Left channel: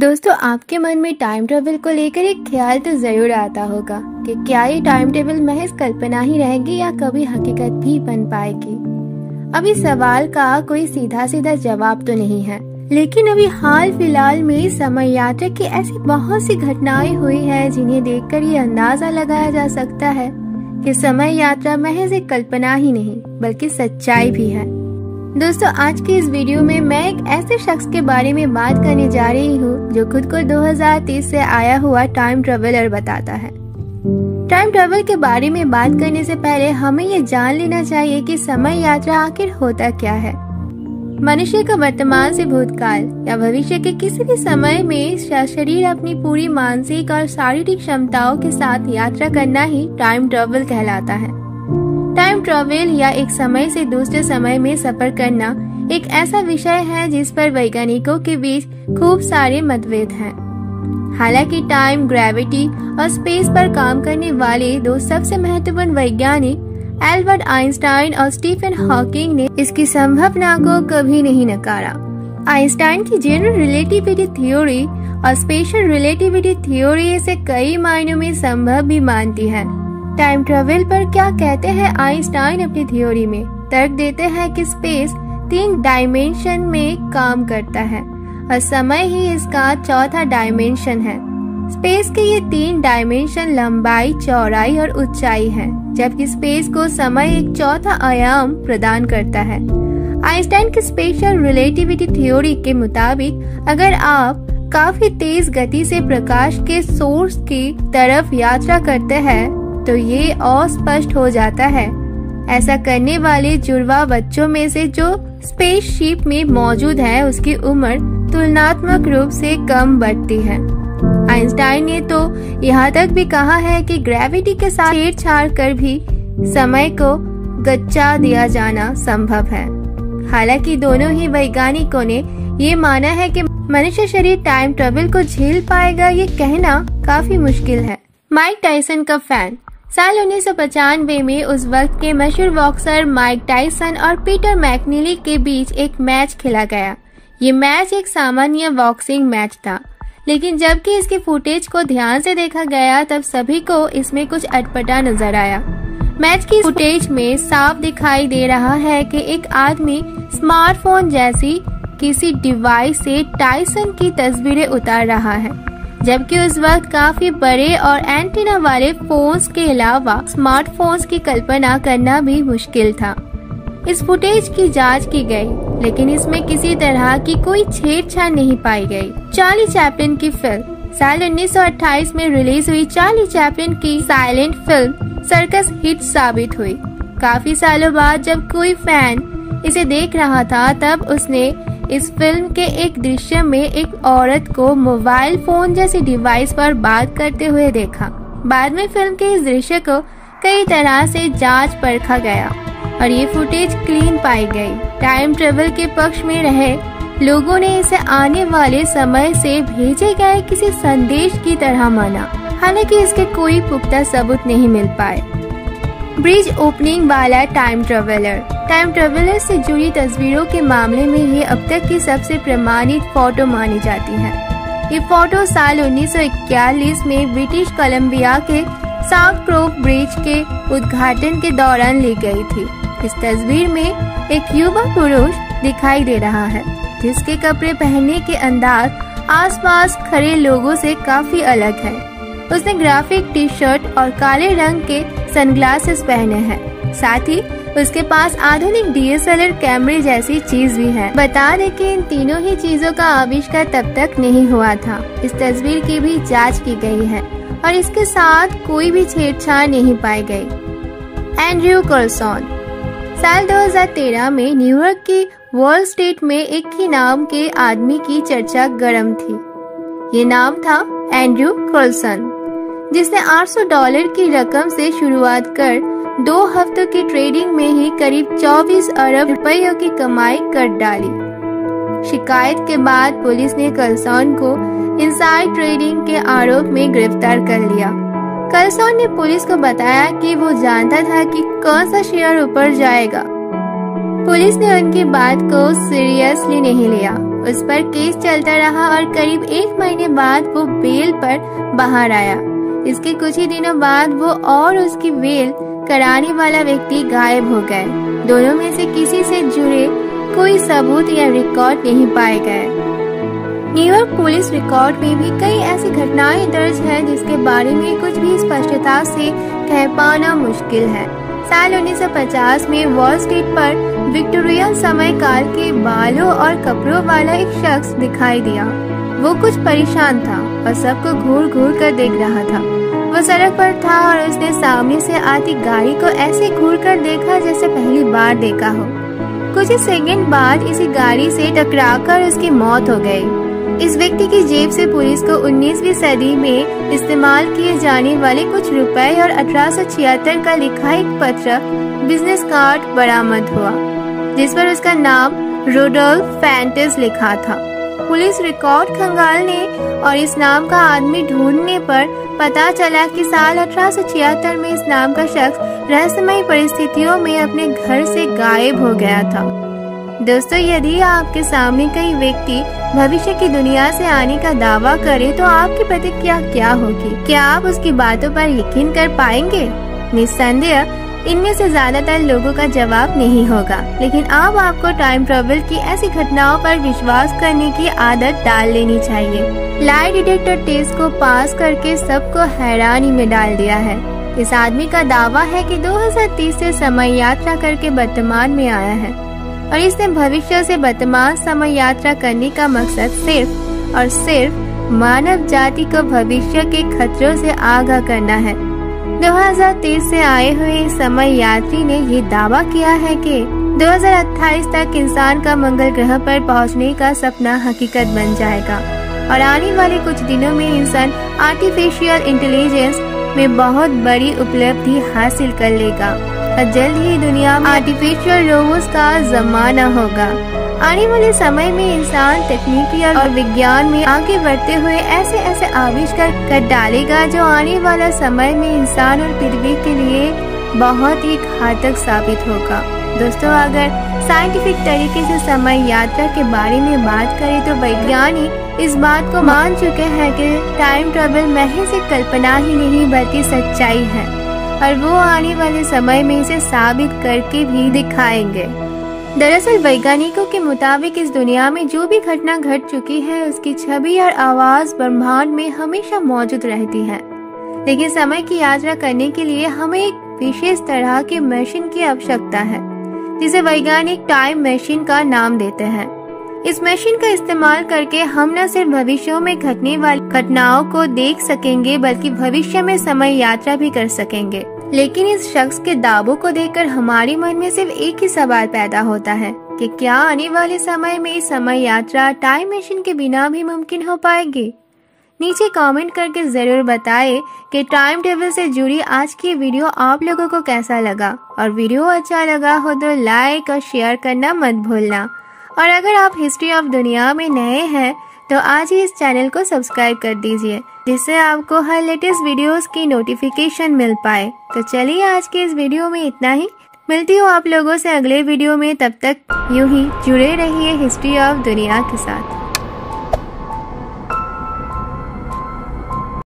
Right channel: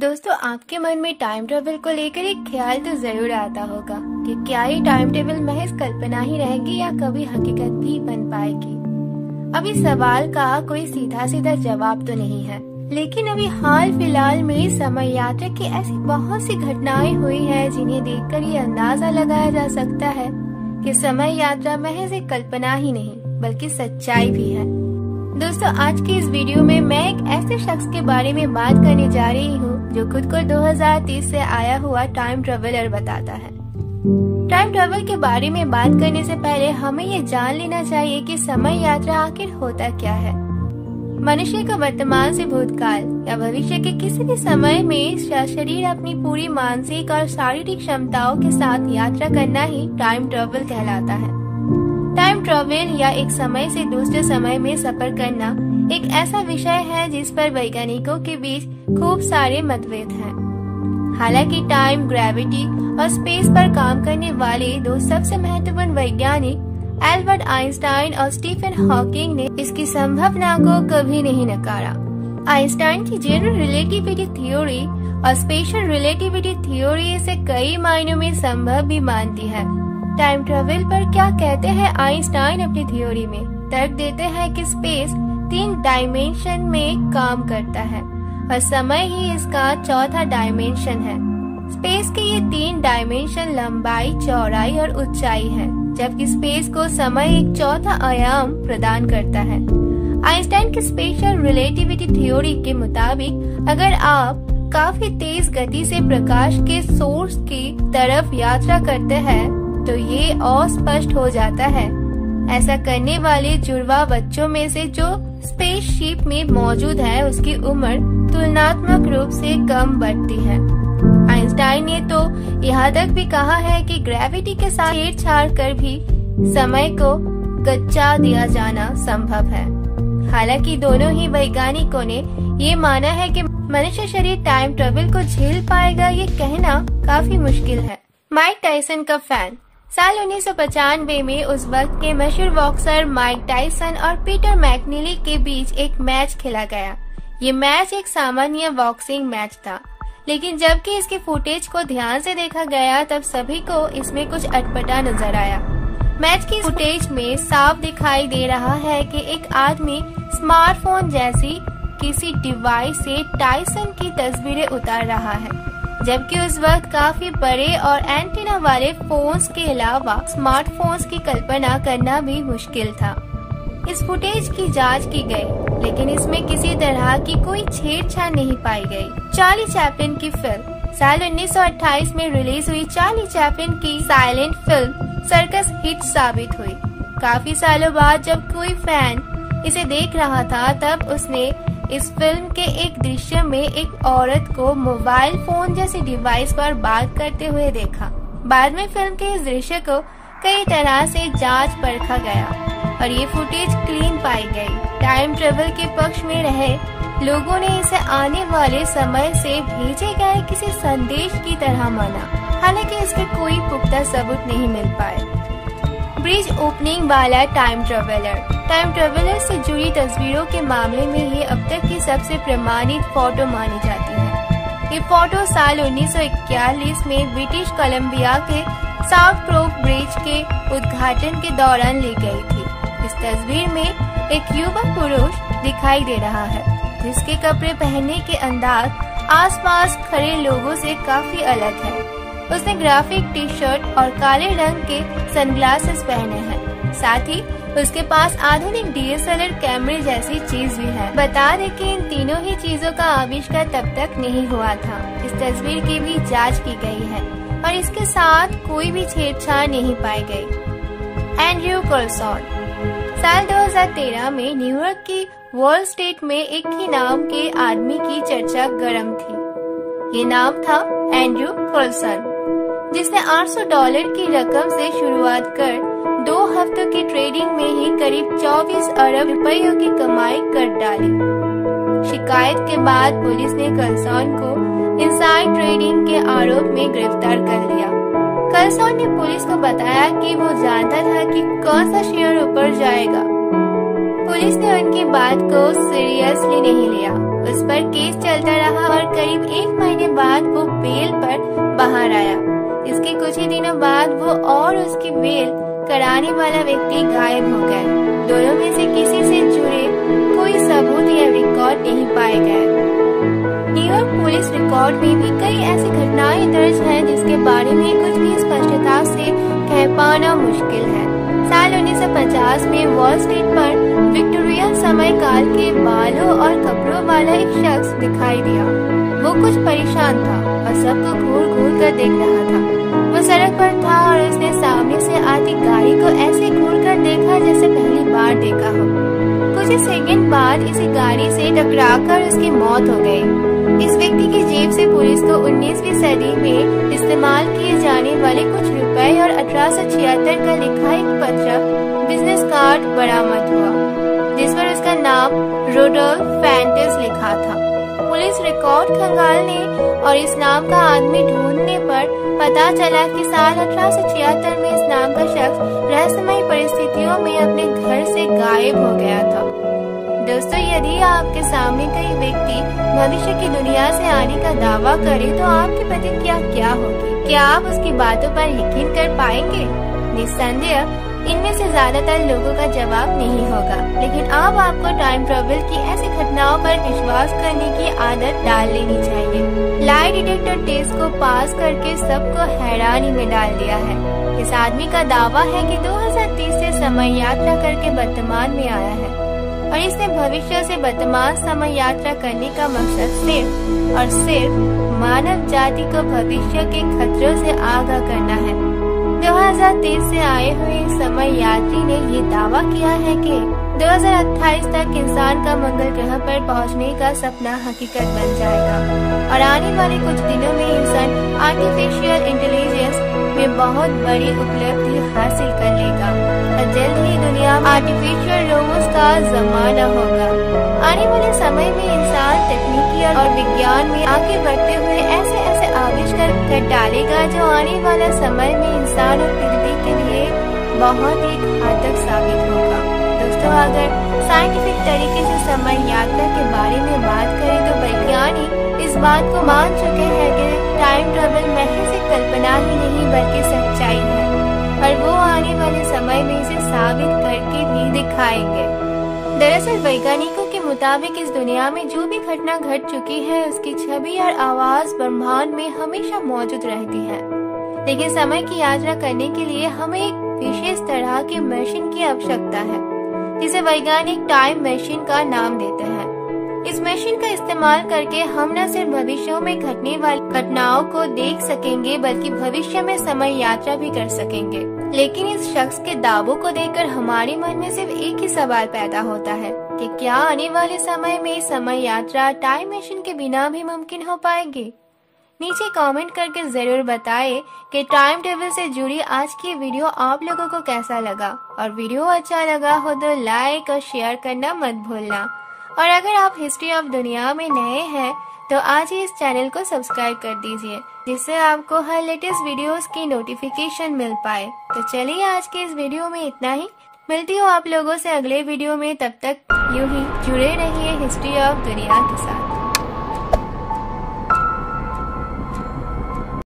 दोस्तों, आपके मन में टाइम ट्रेवल को लेकर एक ख्याल तो जरूर आता होगा कि क्या ये टाइम ट्रेवल महज कल्पना ही रहेगी या कभी हकीकत भी बन पाएगी। अभी सवाल का कोई सीधा सीधा जवाब तो नहीं है, लेकिन अभी हाल फिलहाल में समय यात्रा की ऐसी बहुत सी घटनाएं हुई है जिन्हें देखकर ये अंदाजा लगाया जा सकता है कि समय यात्रा महज एक कल्पना ही नहीं बल्कि सच्चाई भी है। दोस्तों, आज की इस वीडियो में मैं एक ऐसे शख्स के बारे में बात करने जा रही हूँ जो खुद को 2030 से आया हुआ टाइम ट्रेवलर बताता है। टाइम ट्रेवल के बारे में बात करने से पहले हमें ये जान लेना चाहिए कि समय यात्रा आखिर होता क्या है। मनुष्य का वर्तमान से भूतकाल या भविष्य के किसी भी समय में शरीर अपनी पूरी मानसिक और शारीरिक क्षमताओं के साथ यात्रा करना ही टाइम ट्रेवल कहलाता है। टाइम ट्रेवल या एक समय से दूसरे समय में सफर करना एक ऐसा विषय है जिस पर वैज्ञानिकों के बीच खूब सारे मतभेद हैं। हालांकि टाइम, ग्रेविटी और स्पेस पर काम करने वाले दो सबसे महत्वपूर्ण वैज्ञानिक एल्बर्ट आइंस्टाइन और स्टीफन हॉकिंग ने इसकी संभावना को कभी नहीं नकारा। आइंस्टाइन की जनरल रिलेटिविटी थ्योरी और स्पेशल रिलेटिविटी थ्योरी इसे कई मायनों में संभव भी मानती है। टाइम ट्रेवल पर क्या कहते हैं आइंस्टाइन अपनी थ्योरी में? तर्क देते हैं कि स्पेस 3 डायमेंशन में काम करता है और समय ही इसका चौथा डायमेंशन है। स्पेस के ये 3 डायमेंशन लंबाई, चौड़ाई और ऊंचाई है, जबकि स्पेस को समय एक चौथा आयाम प्रदान करता है। आइंस्टाइन की स्पेशल रिलेटिविटी थ्योरी के मुताबिक अगर आप काफी तेज गति से प्रकाश के सोर्स की तरफ यात्रा करते हैं तो ये अस्पष्ट हो जाता है। ऐसा करने वाले जुड़वा बच्चों में से जो स्पेसशिप में मौजूद है उसकी उम्र तुलनात्मक रूप से कम बढ़ती है। आइंस्टाइन ने तो यहाँ तक भी कहा है कि ग्रेविटी के साथ छेड़छाड़ कर भी समय को गच्चा दिया जाना संभव है। हालांकि दोनों ही वैज्ञानिकों ने ये माना है कि मनुष्य शरीर टाइम ट्रेवल को झेल पाएगा, ये कहना काफी मुश्किल है। माइक टायसन का फैन। साल 1995 में उस वक्त के मशहूर बॉक्सर माइक टायसन और पीटर मैकनीली के बीच एक मैच खेला गया। ये मैच एक सामान्य बॉक्सिंग मैच था, लेकिन जबकि इसके फुटेज को ध्यान से देखा गया तब सभी को इसमें कुछ अटपटा नजर आया। मैच की फुटेज में साफ दिखाई दे रहा है कि एक आदमी स्मार्टफोन जैसी किसी डिवाइस से टायसन की तस्वीरें उतार रहा है, जबकि उस वक्त काफी बड़े और एंटीना वाले फोन्स के अलावा स्मार्टफोन्स की कल्पना करना भी मुश्किल था। इस फुटेज की जांच की गई, लेकिन इसमें किसी तरह की कोई छेड़छाड़ नहीं पाई गई। चार्ली चैपलिन की फिल्म। साल 1928 में रिलीज हुई चार्ली चैपलिन की साइलेंट फिल्म सर्कस हिट साबित हुई। काफी सालों बाद जब कोई फैन इसे देख रहा था तब उसने इस फिल्म के एक दृश्य में एक औरत को मोबाइल फोन जैसी डिवाइस पर बात करते हुए देखा। बाद में फिल्म के इस दृश्य को कई तरह से जांच परखा गया और ये फुटेज क्लीन पाई गई। टाइम ट्रेवल के पक्ष में रहे लोगों ने इसे आने वाले समय से भेजे गए किसी संदेश की तरह माना, हालांकि इसके कोई पुख्ता सबूत नहीं मिल पाए। ब्रिज ओपनिंग वाला टाइम ट्रेवलर। टाइम ट्रेवलर से जुड़ी तस्वीरों के मामले में ये अब तक की सबसे प्रमाणित फोटो मानी जाती है। ये फोटो साल 1941 में ब्रिटिश कोलंबिया के साउथ क्रोक ब्रिज के उद्घाटन के दौरान ली गई थी। इस तस्वीर में एक युवा पुरुष दिखाई दे रहा है जिसके कपड़े पहनने के अंदाज आसपास खड़े लोगों से काफी अलग है। उसने ग्राफिक टी शर्ट और काले रंग के सनग्लासेस पहने हैं। साथ ही उसके पास आधुनिक DSLR कैमरे जैसी चीज भी है। बता दें कि इन तीनों ही चीजों का आविष्कार तब तक नहीं हुआ था। इस तस्वीर की भी जांच की गई है और इसके साथ कोई भी छेड़छाड़ नहीं पाई गई। एंड्रयू कर्लसॉन। साल 2013 में न्यूयॉर्क की वॉल स्ट्रीट में एक ही नाम के आदमी की चर्चा गर्म थी। ये नाम था एंड्रयू कर्लसन, जिसने $800 की रकम से शुरुआत कर 2 हफ्तों की ट्रेडिंग में ही करीब 24 अरब रुपयों की कमाई कर डाली। शिकायत के बाद पुलिस ने कर्लसन को इनसाइड ट्रेडिंग के आरोप में गिरफ्तार कर लिया। कर्लसन ने पुलिस को बताया कि वो जानता था कि कौन सा शेयर ऊपर जाएगा। पुलिस ने उनकी बात को सीरियसली नहीं लिया उस पर केस चलता रहा और करीब 1 महीने बाद वो बेल पर बाहर आया। इसके कुछ ही दिनों बाद वो और उसकी बेल कराने वाला व्यक्ति गायब हो गए। दोनों में से किसी से जुड़े कोई सबूत या रिकॉर्ड नहीं पाए गए। न्यूयॉर्क पुलिस रिकॉर्ड में भी कई ऐसी घटनाएं दर्ज है जिसके बारे में कुछ भी स्पष्टता से कह पाना मुश्किल है। साल 1950 में वॉल स्ट्रीट पर विक्टोरियन समय काल के बालों और कपड़ों वाला एक शख्स दिखाई दिया। वो कुछ परेशान था और सबको घूर घूर कर देख रहा था। वो सड़क पर था और उसने सामने से आती गाड़ी को ऐसे घूर कर देखा जैसे पहली बार देखा हो। कुछ ही सेकंड बाद इसी गाड़ी से टकराकर उसकी मौत हो गई। इस व्यक्ति की जेब से पुलिस को 19वीं सदी में इस्तेमाल किए जाने वाले कुछ रुपए और 1876 का लिखा एक पत्र बिजनेस कार्ड बरामद हुआ, जिस पर उसका नाम रोडोल्फ फैंटेस लिखा था। पुलिस रिकॉर्ड खंगालने और इस नाम का आदमी ढूंढने पर पता चला कि साल 1876 में इस नाम का शख्स रहस्यमयी परिस्थितियों में अपने घर से गायब हो गया था। दोस्तों, यदि आपके सामने कोई व्यक्ति भविष्य की दुनिया से आने का दावा करे तो आपकी प्रतिक्रिया क्या होगी? क्या आप उसकी बातों पर यकीन कर पाएंगे? निस्संदेह इनमें से ज्यादातर लोगों का जवाब नहीं होगा, लेकिन अब आपको टाइम ट्रेवल की ऐसी घटनाओं पर विश्वास करने की आदत डाल लेनी चाहिए। लाई डिटेक्टर टेस्ट को पास करके सबको हैरानी में डाल दिया है। इस आदमी का दावा है कि 2030 से समय यात्रा करके वर्तमान में आया है और इसने भविष्य से वर्तमान समय यात्रा करने का मकसद सिर्फ और सिर्फ मानव जाति को भविष्य के खतरों से आगाह करना है। 2023 से आए हुए समय यात्री ने ये दावा किया है कि 2028 तक इंसान का मंगल ग्रह पर पहुंचने का सपना हकीकत बन जाएगा और आने वाले कुछ दिनों में इंसान आर्टिफिशियल इंटेलिजेंस में बहुत बड़ी उपलब्धि हासिल कर लेगा और जल्द ही दुनिया में आर्टिफिशियल रोबोट्स का जमाना होगा। आने वाले समय में इंसान तकनीकी और विज्ञान में आगे बढ़ते हुए ऐसे ऐसे आविष्कार कर डालेगा जो आने वाला समय में इंसान और पृथ्वी के लिए बहुत ही घातक साबित होगा। दोस्तों, अगर साइंटिफिक तरीके से समय यात्रा के बारे में बात करें तो वैज्ञानिक इस बात को मान चुके हैं कि टाइम ट्रेवल महज एक कल्पना ही नहीं बल्कि सच्चाई है और वो आने वाले समय में इसे साबित करके भी दिखाएंगे। दरअसल वैज्ञानिकों के मुताबिक इस दुनिया में जो भी घटना घट चुकी है उसकी छवि और आवाज ब्रह्मांड में हमेशा मौजूद रहती है, लेकिन समय की यात्रा करने के लिए हमें एक विशेष तरह के मशीन की आवश्यकता है जिसे वैज्ञानिक टाइम मशीन का नाम देते हैं। इस मशीन का इस्तेमाल करके हम न सिर्फ भविष्य में घटने वाली घटनाओं को देख सकेंगे बल्कि भविष्य में समय यात्रा भी कर सकेंगे। लेकिन इस शख्स के दावों को देखकर हमारे मन में सिर्फ एक ही सवाल पैदा होता है कि क्या आने वाले समय में समय यात्रा टाइम मशीन के बिना भी मुमकिन हो पाएगी? नीचे कमेंट करके जरूर बताएं कि टाइम ट्रेवल से जुड़ी आज की वीडियो आप लोगों को कैसा लगा, और वीडियो अच्छा लगा हो तो लाइक और शेयर करना मत भूलना। और अगर आप हिस्ट्री ऑफ दुनिया में नए हैं तो आज ही इस चैनल को सब्सक्राइब कर दीजिए जिससे आपको हर लेटेस्ट वीडियोस की नोटिफिकेशन मिल पाए। तो चलिए आज के इस वीडियो में इतना ही। मिलती हूँ आप लोगों से अगले वीडियो में, तब तक यूं ही जुड़े रहिए हिस्ट्री ऑफ दुनिया के साथ।